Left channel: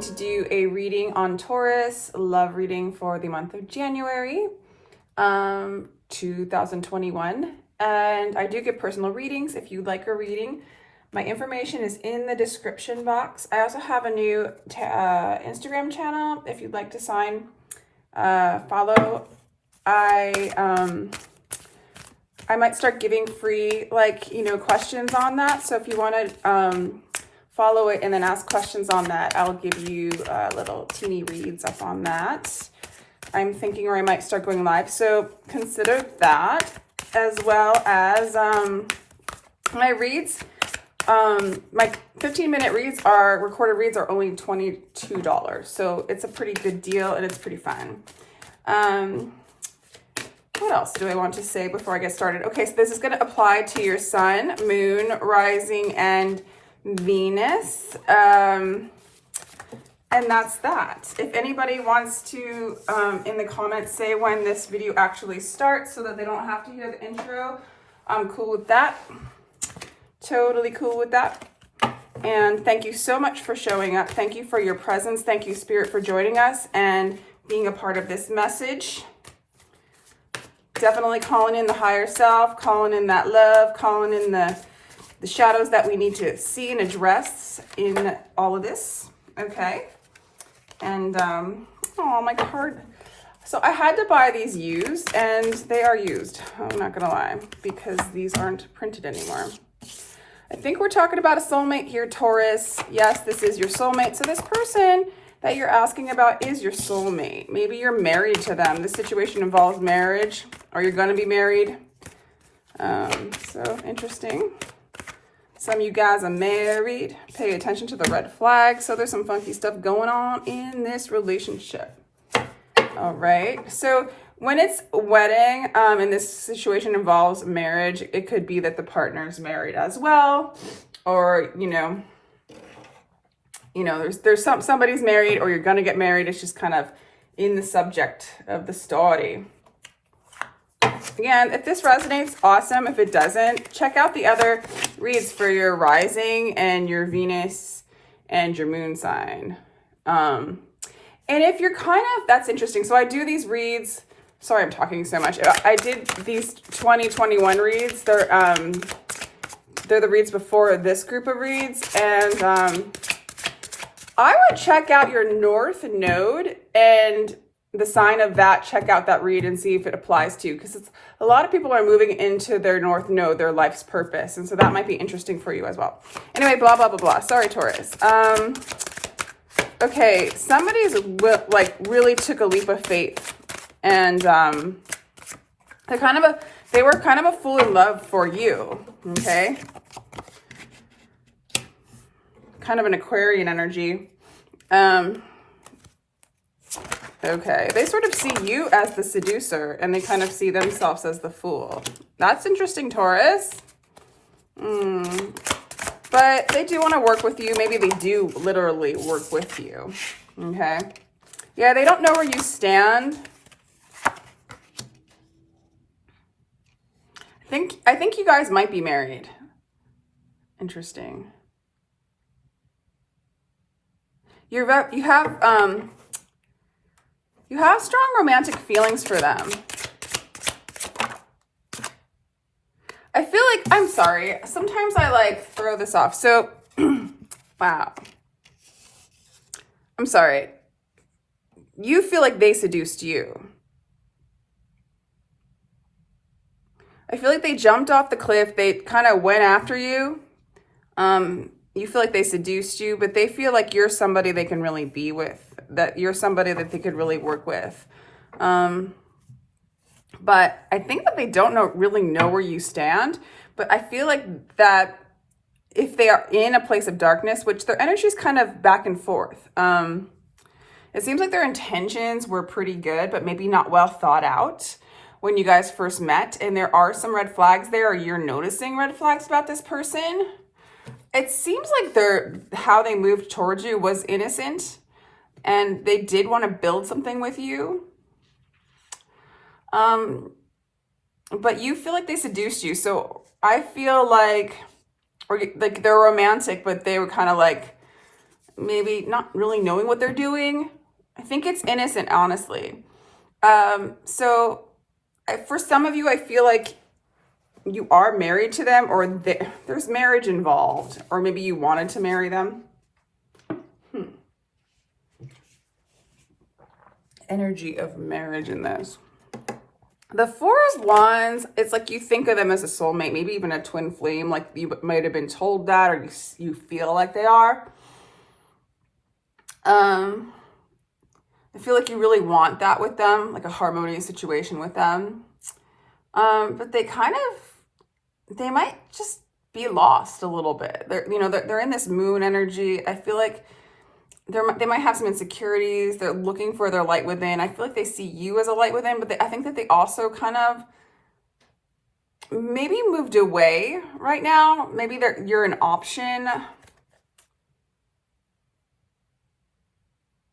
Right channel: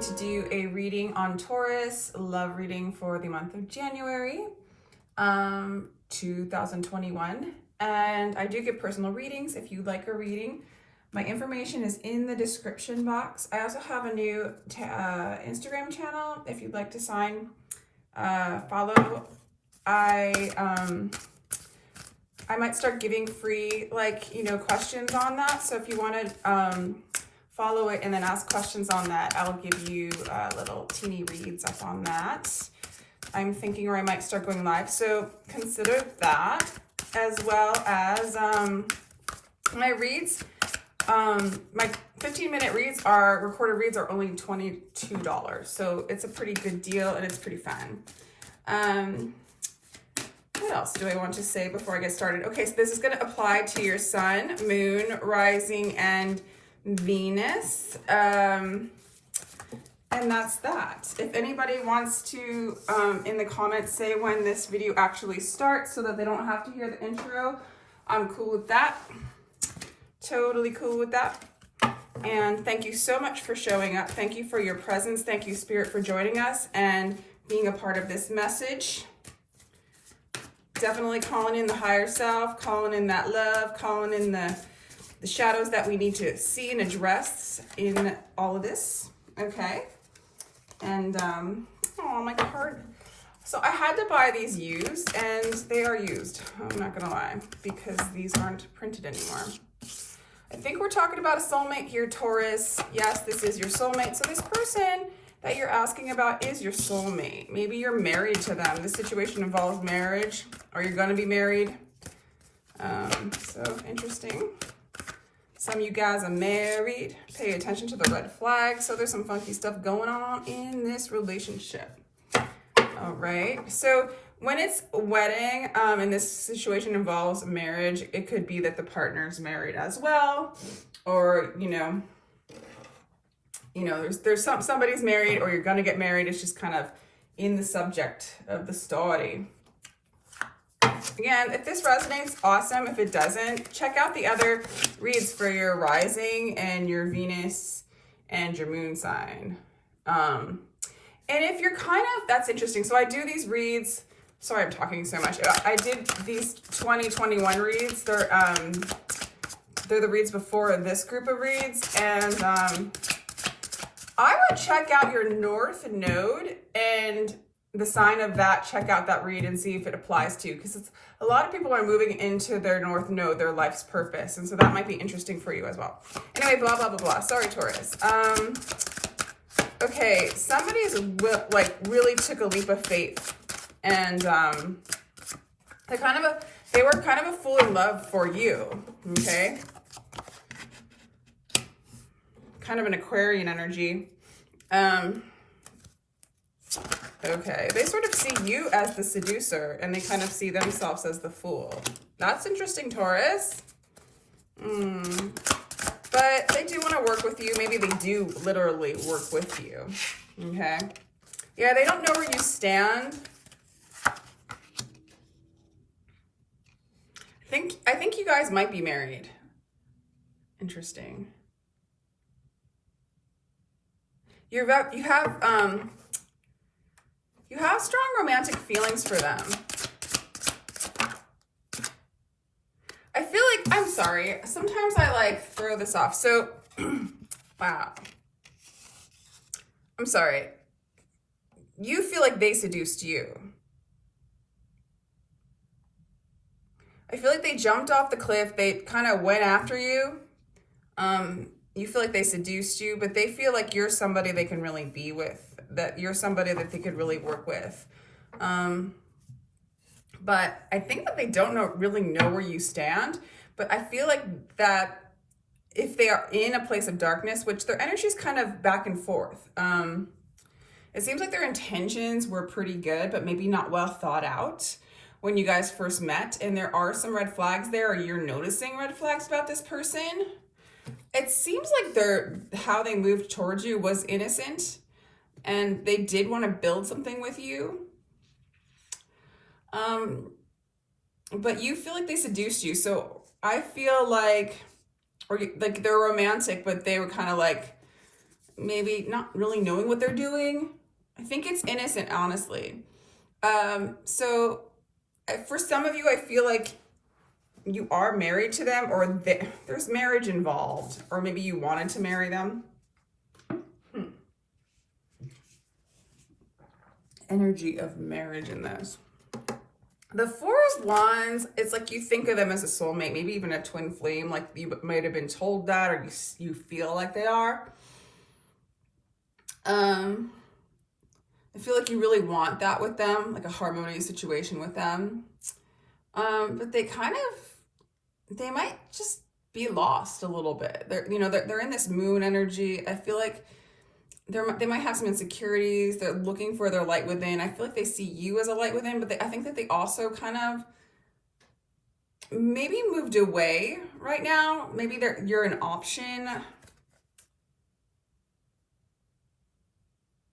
going to do a reading on Taurus, love reading for the month of January 2021. And I do get personal readings if you'd like a reading. My information is in the description box. I also have a new Instagram channel if you'd like to follow. I might start giving free, questions on that. So if you want to follow it and then ask questions on that, I'll give you little teeny reads up on that. I'm thinking, or I might start going live. So consider that, as well as my reads. My 15-minute reads recorded reads are only $22. So it's a pretty good deal and it's pretty fun. What else do I want to say before I get started? Okay, so this is going to apply to your sun, moon, rising, and Venus. And that's that. If anybody wants to, in the comments, say when this video actually starts so that they don't have to hear the intro, I'm cool with that. Totally cool with that. And thank you so much for showing up. Thank you for your presence. Thank you, Spirit, for joining us and being a part of this message. Definitely calling in the higher self, calling in that love, calling in the shadows that we need to see and address in all of this. Okay. And, oh, my card. So I had to buy these used, and they are used. I'm not going to lie, because these aren't printed anymore. I think we're talking about a soulmate here, Taurus. Yes, this is your soulmate. So this person that you're asking about is your soulmate. Maybe you're married to them. This situation involves marriage, or you're going to be married. So interesting. Some of you guys are married. Pay attention to the red flag. So there's some funky stuff going on in this relationship. All right. So when it's wedding, and this situation involves marriage, it could be that the partner's married as well, or, there's somebody's married, or you're gonna get married. It's just kind of in the subject of the story. Again, if this resonates, awesome. If it doesn't, check out the other reads for your rising and your Venus and your moon sign. And if you're that's interesting. So I do these reads. Sorry, I'm talking so much. I did these 2021 reads. They're the reads before this group of reads, and I would check out your North Node and the sign of that. Check out that read and see if it applies to you, because a lot of people are moving into their North Node, their life's purpose, and so that might be interesting for you as well. Anyway, blah blah blah blah. Sorry, Taurus. Okay, somebody's really took a leap of faith, and they were kind of a fool in love for you. Okay. Kind of an Aquarian energy. Okay, they sort of see you as the seducer, and they kind of see themselves as the fool. That's interesting, Taurus. But they do want to work with you. Maybe they do literally work with you. Okay. Yeah, they don't know where you stand. I think you guys might be married. Interesting. You have strong romantic feelings for them. I feel like, I'm sorry, sometimes I throw this off. So, wow. I'm sorry. You feel like they seduced you. I feel like they jumped off the cliff. They kind of went after you. You feel like they seduced you, but they feel like you're somebody they can really be with, that you're somebody that they could really work with. But I think that they don't really know where you stand. But I feel like that if they are in a place of darkness, which their energy is kind of back and forth, it seems like their intentions were pretty good, but maybe not well thought out when you guys first met. And there are some red flags there, or you're noticing red flags about this person. It seems like how they moved towards you was innocent, and they did want to build something with you. But you feel like they seduced you. So I feel like, or like they're romantic, but they were kind of like maybe not really knowing what they're doing. I think it's innocent, honestly. So for some of you, I feel like you are married to them, or there's marriage involved, or maybe you wanted to marry them. Energy of marriage in this. The Four of Wands, it's like you think of them as a soulmate, maybe even a twin flame, like you might have been told that, or you feel like they are. I feel like you really want that with them, like a harmonious situation with them. But they might just be lost a little bit. They're in this moon energy. I feel like they might have some insecurities. They're looking for their light within. I feel like they see you as a light within, but I think that they also kind of maybe moved away right now. Maybe you're an option.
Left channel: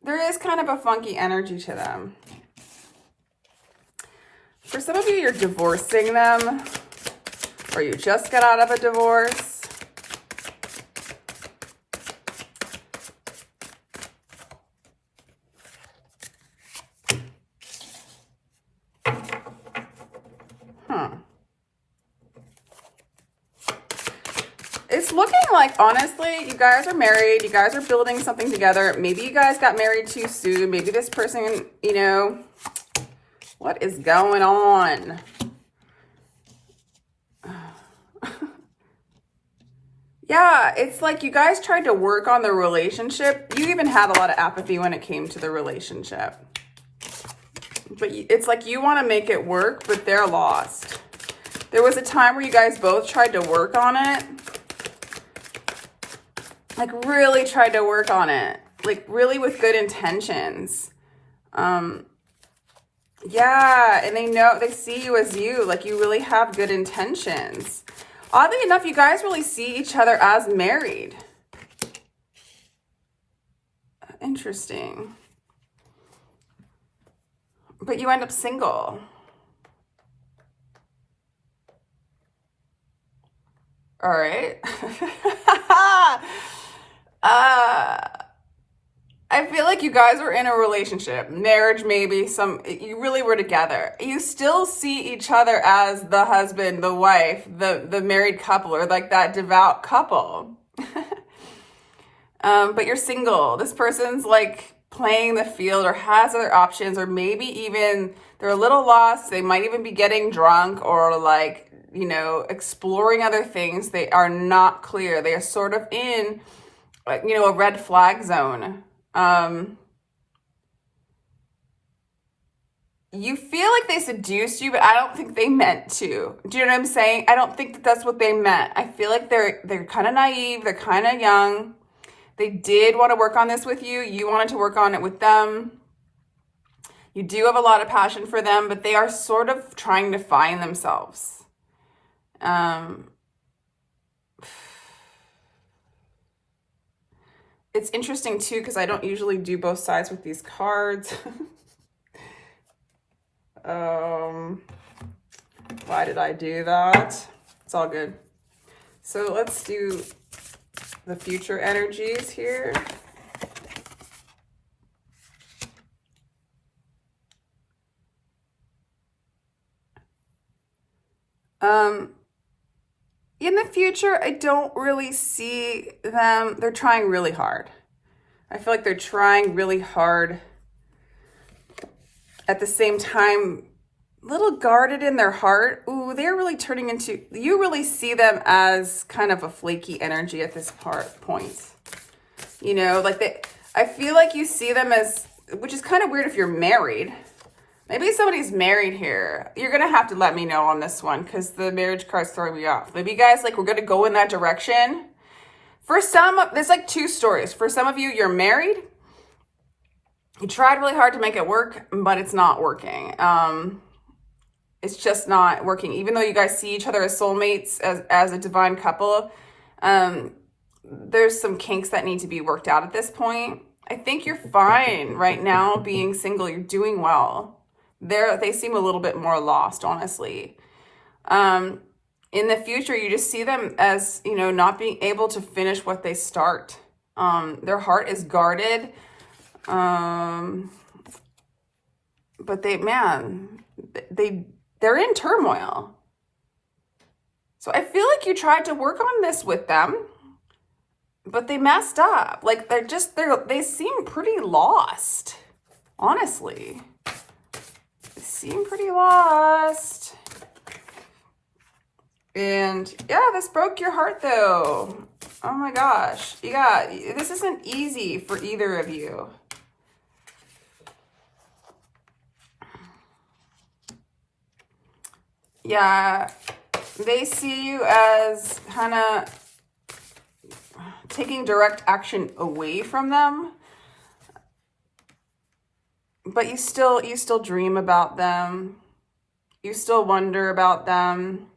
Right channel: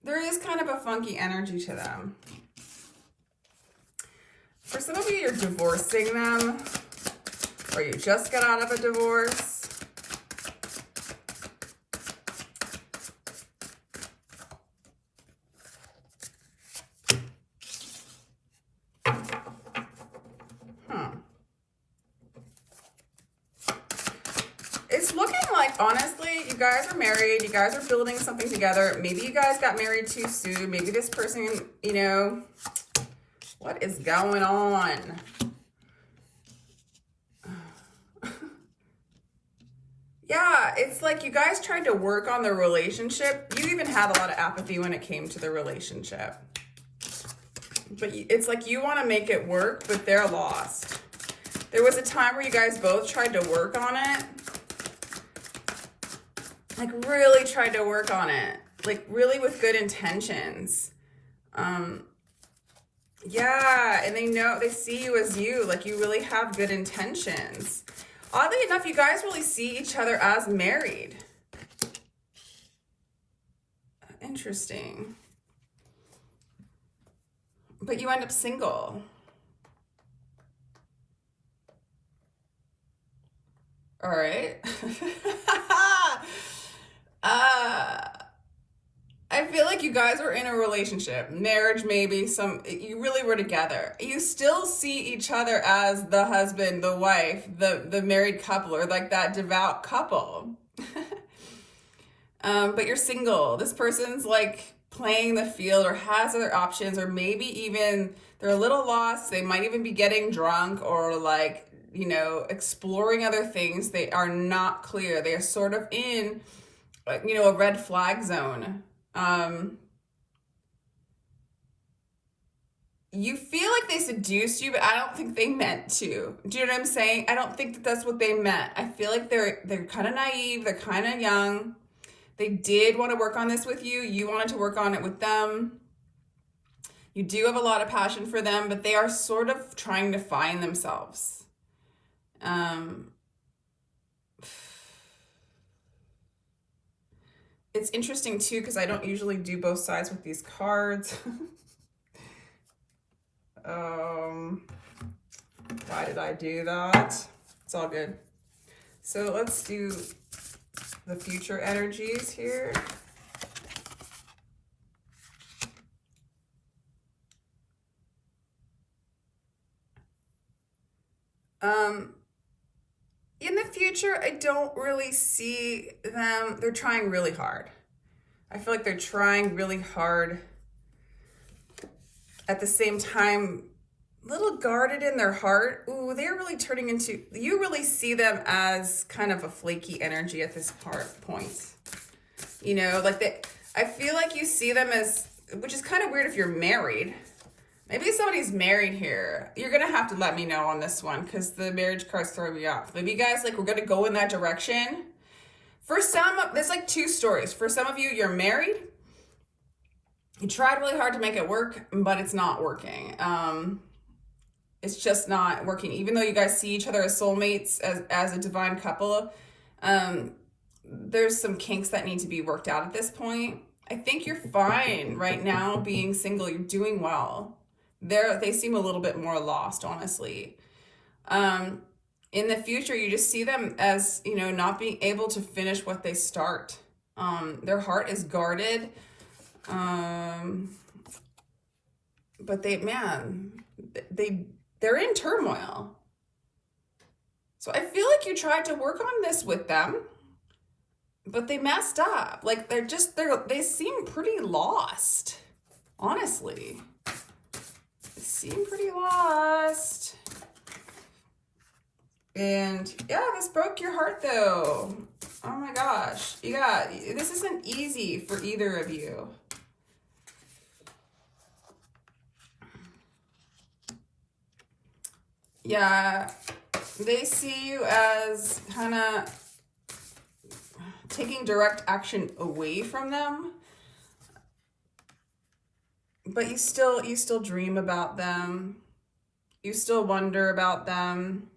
There is kind of a funky energy to them. For some of you, you're divorcing them, or you just got out of a divorce. It's looking like, honestly, you guys are married. You guys are building something together. Maybe you guys got married too soon. Maybe this person, what is going on? Yeah, it's like you guys tried to work on the relationship. You even had a lot of apathy when it came to the relationship. But it's like you want to make it work, but they're lost. There was a time where you guys both tried to work on it. Like really tried to work on it. Like really with good intentions. Yeah, and they see you as you. Like you really have good intentions. Oddly enough, you guys really see each other as married. Interesting. But you end up single. All right. I feel like you guys were in a relationship, marriage maybe, you really were together. You still see each other as the husband, the wife, the married couple, or like that devout couple. But you're single. This person's like playing the field or has other options, or maybe even they're a little lost. They might even be getting drunk or like, exploring other things. They are not clear. They are sort of in, a red flag zone. You feel like they seduced you, but I don't think they meant to. Do you know what I'm saying? I don't think that that's what they meant. I feel like they're kind of naive. They're kind of young. They did want to work on this with you. You wanted to work on it with them. You do have a lot of passion for them, but they are sort of trying to find themselves. It's interesting too, because I don't usually do both sides with these cards. Why did I do that? It's all good. So let's do the future energies here. In the future, I don't really see them. They're trying really hard. I feel like they're trying really hard. At the same time, a little guarded in their heart. Ooh, they're really turning into, you really see them as kind of a flaky energy at this point. I feel like you see them as, which is kind of weird if you're married. Maybe somebody's married here. You're going to have to let me know on this one because the marriage card's throwing me off. Maybe you guys, we're going to go in that direction. For some, there's two stories. For some of you, you're married. You tried really hard to make it work, but it's not working. It's just not working. Even though you guys see each other as soulmates, as a divine couple, there's some kinks that need to be worked out at this point. I think you're fine right now being single. You're doing well. They seem a little bit more lost, honestly. In the future, you just see them as, not being able to finish what they start. Their heart is guarded. But they're in turmoil. So I feel like you tried to work on this with them, but they messed up. Like they seem pretty lost, honestly. They seem pretty lost. And yeah, this broke your heart though. Oh my gosh. This isn't easy for either of you. Yeah, they see you as kind of taking direct action away from them. But you still dream about them. You still wonder about them.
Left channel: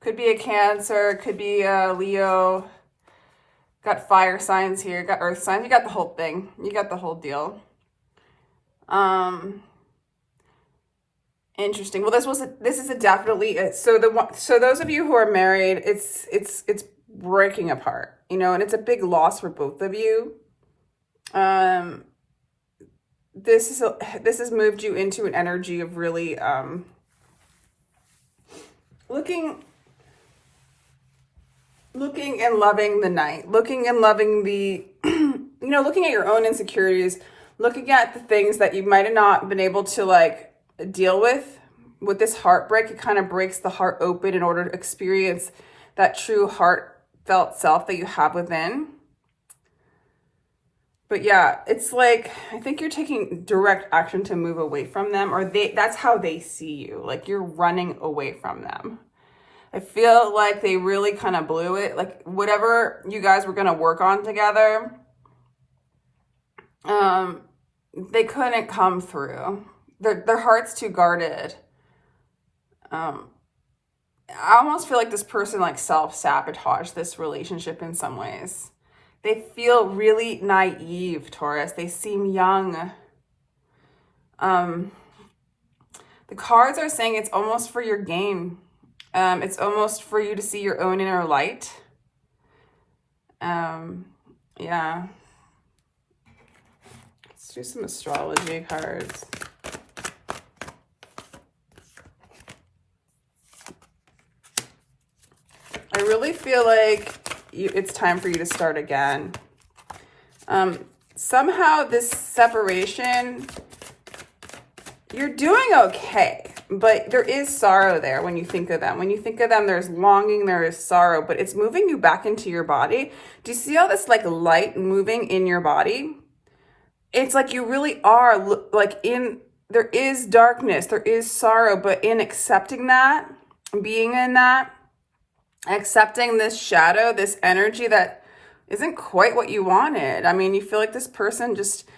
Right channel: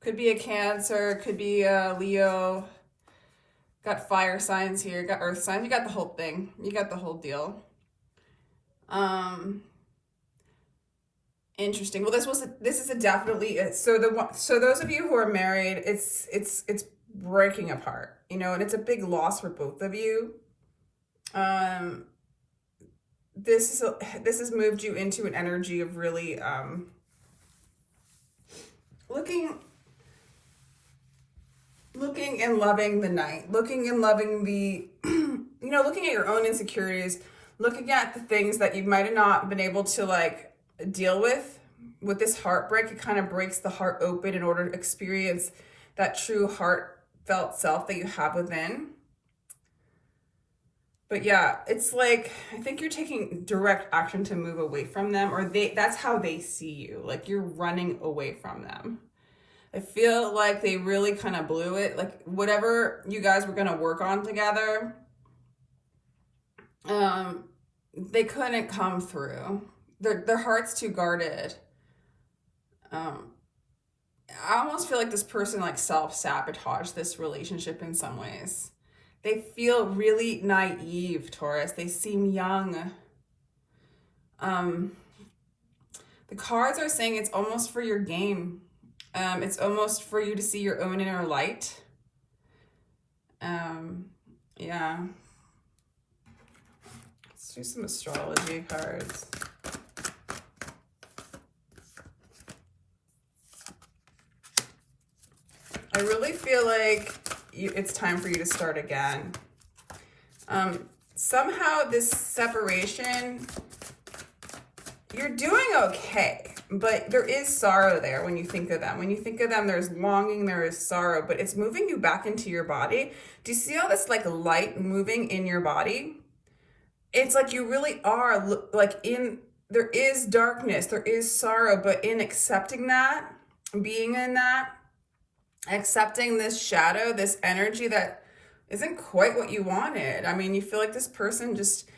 Could be a Cancer, could be a Leo. Got fire signs here, got earth signs. You got the whole thing. You got the whole deal. Interesting. Well, this is a definitely so those of you who are married, it's breaking apart, you know, and it's a big loss for both of you. This has moved you into an energy of really looking and loving the night, looking and loving the looking at your own insecurities, looking at the things that you might have not been able to like deal with this heartbreak. It kind of breaks the heart open in order to experience that true heartfelt self that you have within. But yeah, it's like, I think you're taking direct action to move away from them, or that's how they see you. Like you're running away from them. I feel like they really kind of blew it. Like whatever you guys were going to work on together, they couldn't come through. Their heart's too guarded. I almost feel like this person like self-sabotaged this relationship in some ways. They feel really naive, Taurus. They seem young. The cards are saying it's almost for your gain. It's almost for you to see your own inner light. Yeah. Let's do some astrology cards. I really feel like it's time for you to start again. Somehow this separation, you're doing okay, but there is sorrow there when you think of them. When you think of them, there's longing, there is sorrow, but it's moving you back into your body. Do you see all this like light moving in your body? It's like you really are like there is darkness, there is sorrow, but in accepting that, being in that, accepting this shadow, this energy that isn't quite what you wanted. I mean, you feel like this person just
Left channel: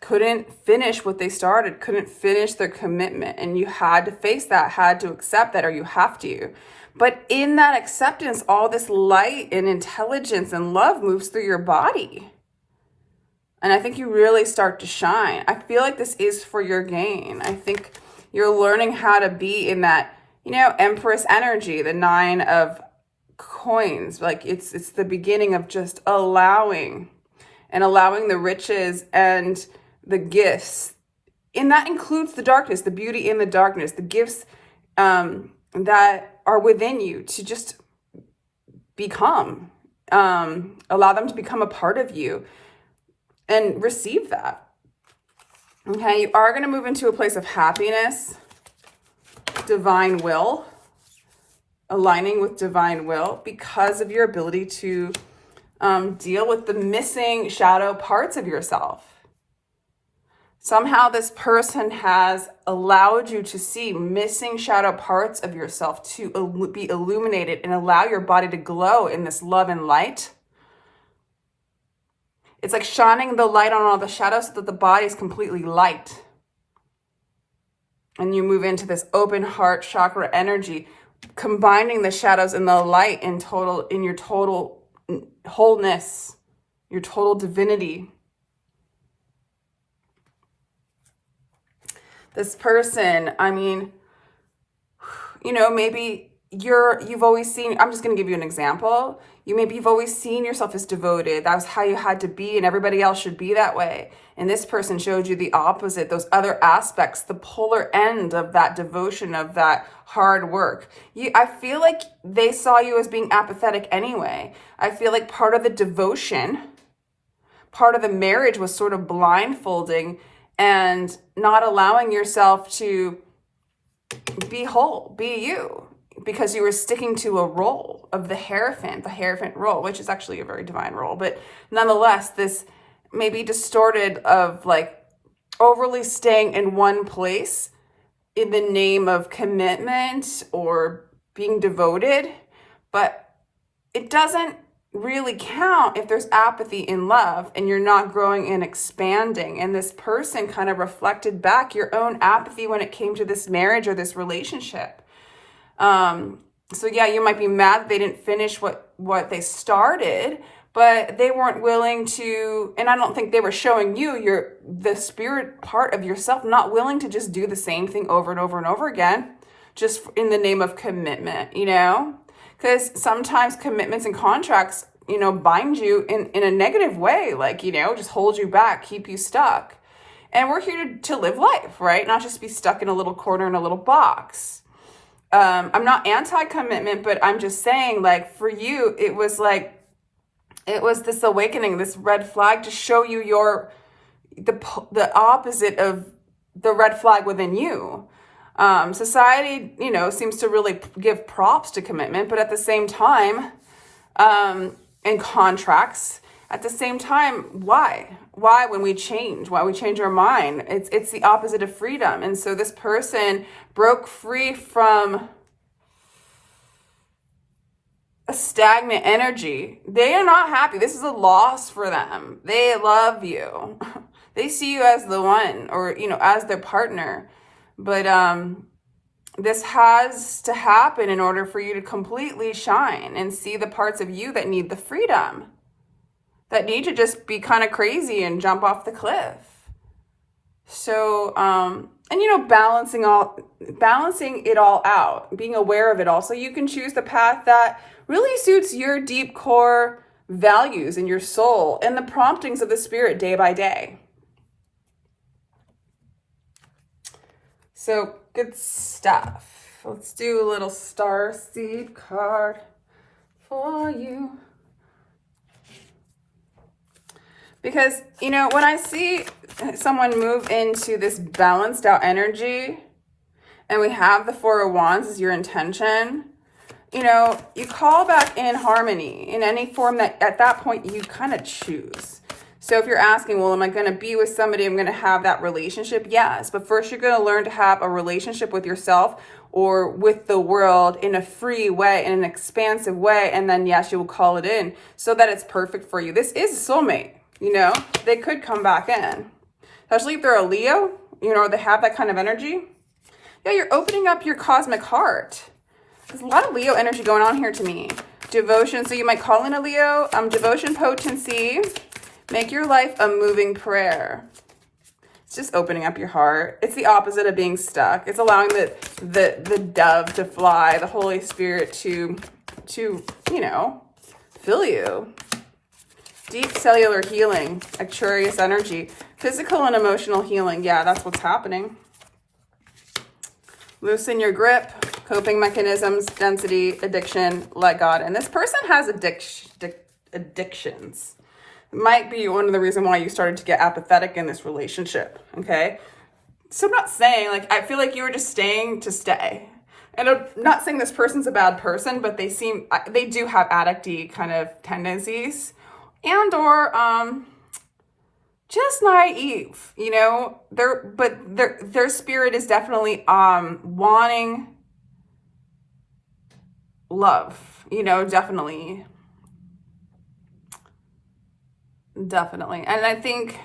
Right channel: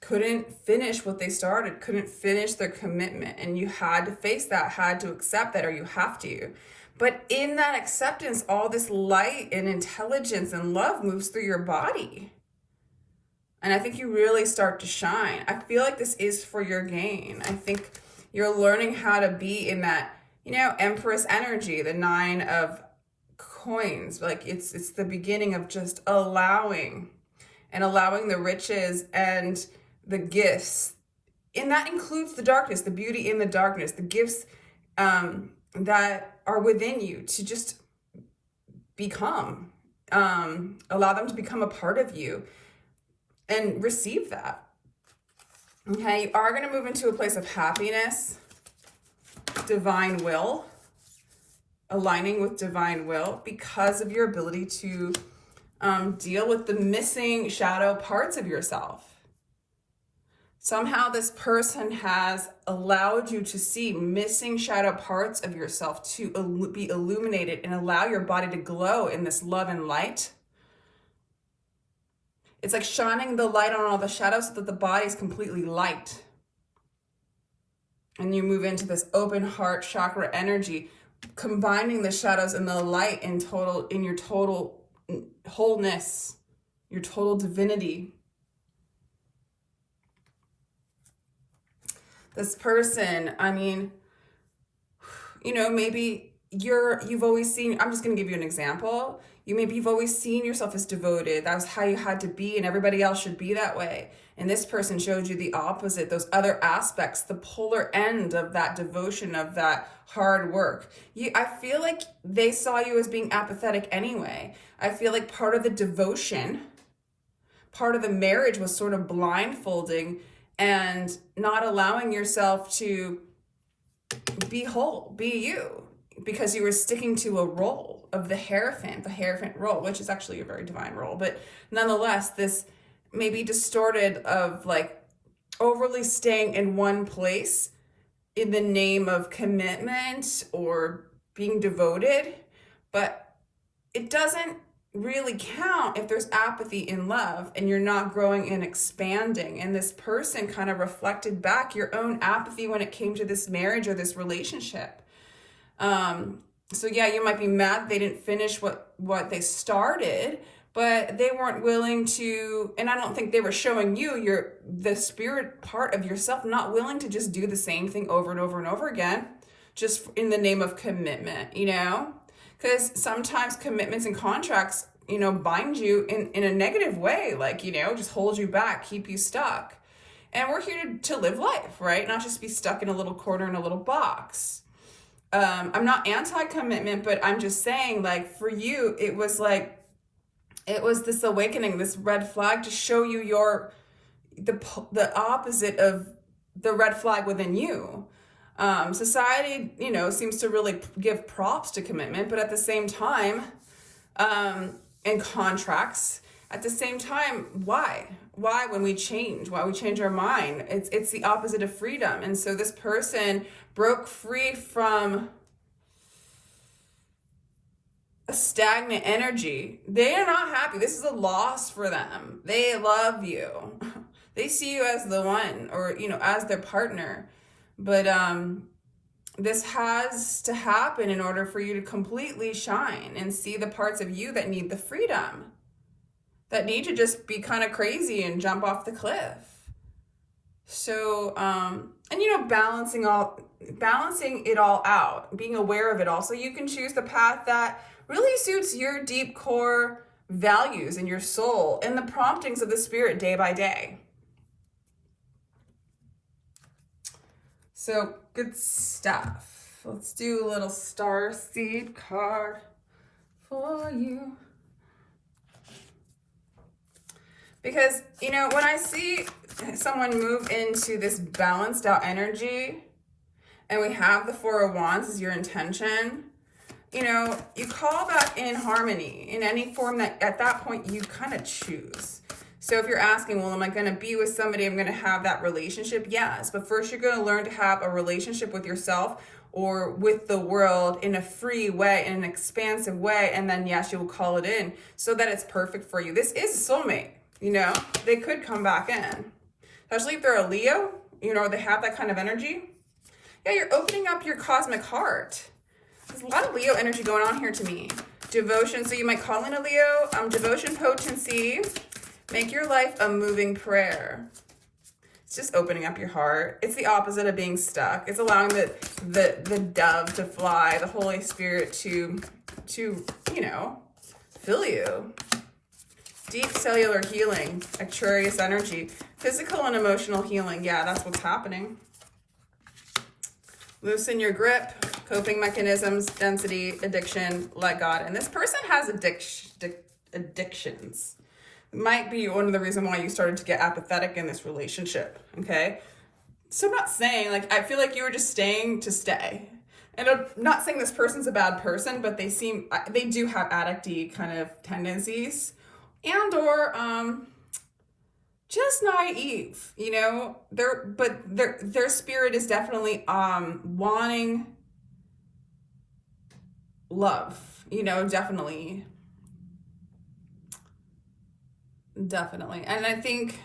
couldn't finish what they started, couldn't finish their commitment, and you had to face that, had to accept that, or you have to. But in that acceptance, all this light and intelligence and love moves through your body. And I think you really start to shine. I feel like this is for your gain. I think you're learning how to be in that, Empress energy, the 9 of coins. Like it's the beginning of just allowing the riches and the gifts. And that includes the darkness, the beauty in the darkness, the gifts that are within you to just become, allow them to become a part of you and receive that. Okay, you are going to move into a place of happiness. Divine will, aligning with divine will because of your ability to deal with the missing shadow parts of yourself. Somehow this person has allowed you to see missing shadow parts of yourself to be illuminated and allow your body to glow in this love and light. It's like shining the light on all the shadows so that the body is completely light. And you move into this open heart chakra energy, combining the shadows and the light in your total wholeness, your total divinity. This person, I mean, maybe you've always seen, I'm just going to give you an example. You've always seen yourself as devoted. That was how you had to be, and everybody else should be that way. And this person showed you the opposite, those other aspects, the polar end of that devotion, of that hard work. I feel like they saw you as being apathetic anyway. I feel like part of the devotion, part of the marriage was sort of blindfolding and not allowing yourself to be whole, be you, because you were sticking to a role of the Hierophant role, which is actually a very divine role. But nonetheless, this maybe distorted of like overly staying in one place in the name of commitment or being devoted. But it doesn't really count if there's apathy in love and you're not growing and expanding. And this person kind of reflected back your own apathy when it came to this marriage or this relationship. So yeah, you might be mad they didn't finish what they started, but they weren't willing to, and I don't think they were showing you the spirit part of yourself, not willing to just do the same thing over and over and over again, just in the name of commitment, because sometimes commitments and contracts, bind you in a negative way, like, just hold you back, keep you stuck. And we're here to live life, right? Not just be stuck in a little corner in a little box. I'm not anti-commitment, but I'm just saying, like, for you, it was this awakening, this red flag to show you the opposite of the red flag within you. Society, seems to really give props to commitment, but at the same time, and contracts, at the same time, why when we change our mind, it's the opposite of freedom. And so this person broke free from a stagnant energy. They are not happy. This is a loss for them. They love you. They see you as the one, or as their partner. But this has to happen in order for you to completely shine and see the parts of you that need the freedom, that need to just be kind of crazy and jump off the cliff. So, and balancing it all out, being aware of it all, so you can choose the path that really suits your deep core values and your soul and the promptings of the spirit day by day. So good stuff. Let's do a little star seed card for you. Because, when I see someone move into this balanced out energy and we have the Four of Wands as your intention, you call back in harmony in any form that at that point you kind of choose. So if you're asking, well, am I going to be with somebody, I'm going to have that relationship? Yes. But first you're going to learn to have a relationship with yourself or with the world in a free way, in an expansive way. And then, yes, you will call it in so that it's perfect for you. This is a soulmate. They could come back in, especially if they're a Leo, or they have that kind of energy. Yeah, you're opening up your cosmic heart. There's a lot of Leo energy going on here to me. Devotion, so you might call in a Leo. Devotion, potency, make your life a moving prayer. It's just opening up your heart. It's the opposite of being stuck. It's allowing the dove to fly, the Holy Spirit to fill you. Deep cellular healing, Aquarius energy, physical and emotional healing. Yeah, that's what's happening. Loosen your grip, coping mechanisms, density, addiction, let God. And this person has addictions. It might be one of the reasons why you started to get apathetic in this relationship, okay? So I'm not saying, I feel like you were just staying to stay. And I'm not saying this person's a bad person, but they do have addict-y kind of tendencies. And or just naive, their spirit is definitely wanting love, definitely. And I think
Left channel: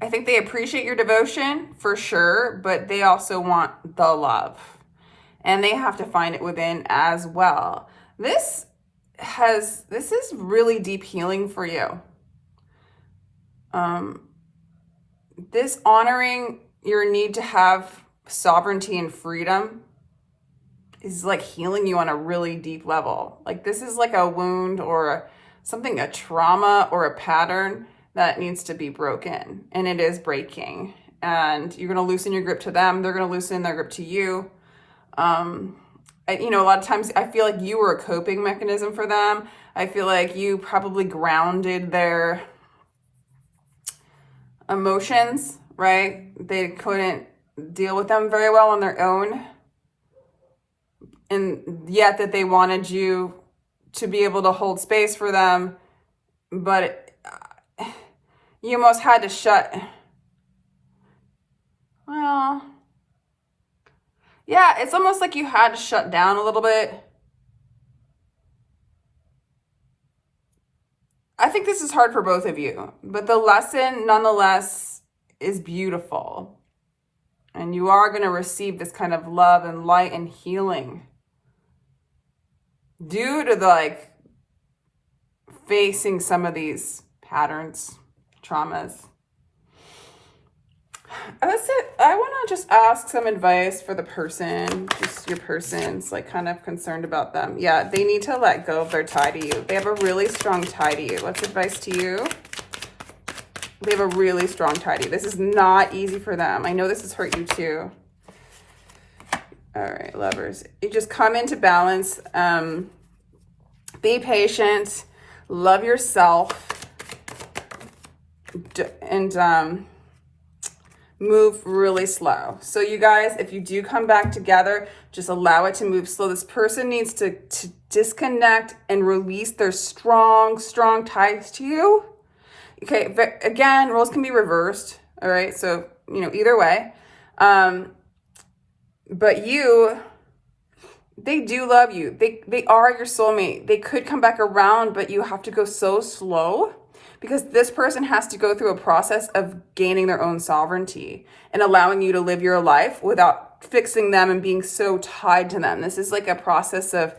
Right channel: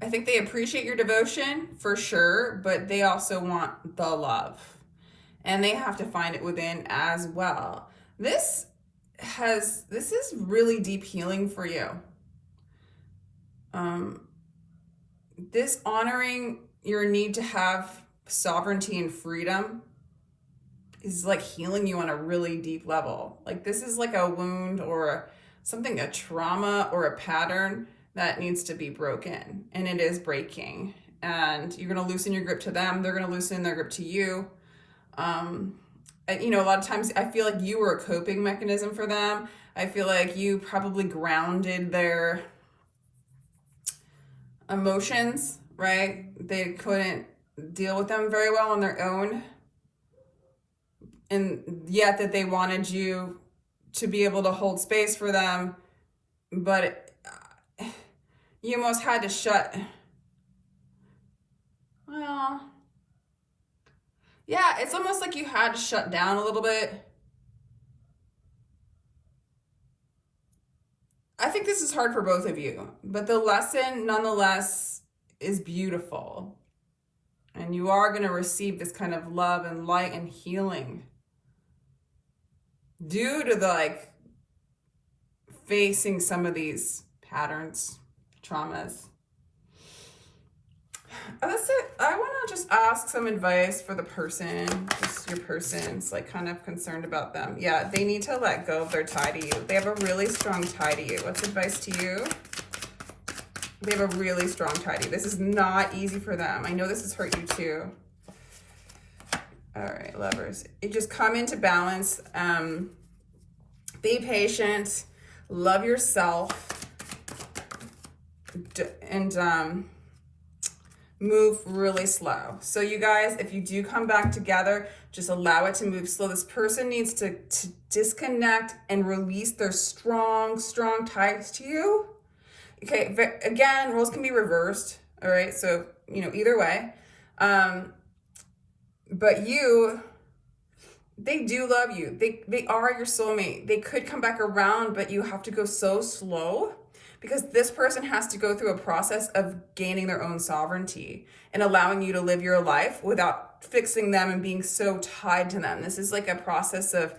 they appreciate your devotion for sure, but they also want the love, and they have to find it within as well. This is really deep healing for you. This honoring your need to have sovereignty and freedom is like healing you on a really deep level. Like this is like a wound or something, a trauma or a pattern that needs to be broken, and it is breaking. And you're going to loosen your grip to them. They're going to loosen their grip to you. You know, a lot of times I feel like you were a coping mechanism for them. I feel like you probably grounded their emotions, right? They couldn't deal with them very well on their own. And yet that they wanted you to be able to hold space for them. But you almost had to well, yeah, it's almost like you had to shut down a little bit. I think this is hard for both of you, but the lesson nonetheless is beautiful. And you are going to receive this kind of love and light and healing due to like facing some of these patterns, traumas. That's it. I want to just ask some advice for the person, just your person's like kind of concerned about them. Yeah, they need to let go of their tie to you. They have a really strong tie to you. What's advice to you? They have a really strong tie to you. This is not easy for them. I know this has hurt you too. All right, lovers. You just come into balance. Be patient. Love yourself. And move really slow. So you guys, if you do come back together, just allow it to move slow. This person needs to disconnect and release their strong ties to you. Okay, but again, roles can be reversed. All right, so, you know, either way. But they do love you. They are your soulmate. They could come back around, but you have to go so slow, because this person has to go through a process of gaining their own sovereignty and allowing you to live your life without fixing them and being so tied to them. This is like a process of,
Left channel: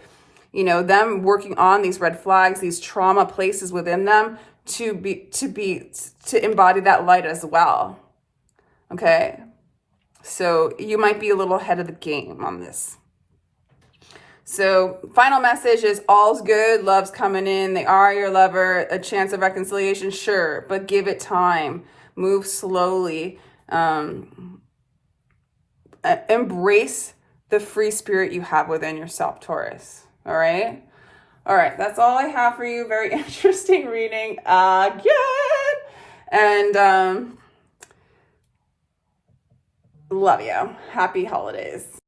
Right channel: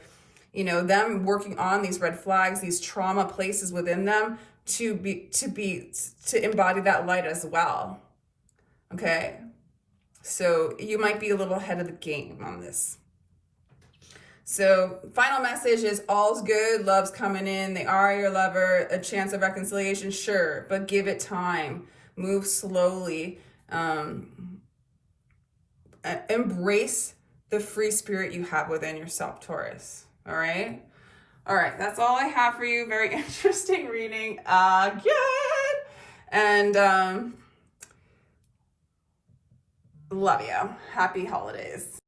you know, them working on these red flags, these trauma places within them to embody that light as well. Okay. So you might be a little ahead of the game on this. So final message is all's good, love's coming in. They are your lover. A chance of reconciliation, sure, but give it time. Move slowly. Embrace the free spirit you have within yourself, Taurus. All right? All right, that's all I have for you. Very interesting reading again. And love you. Happy holidays.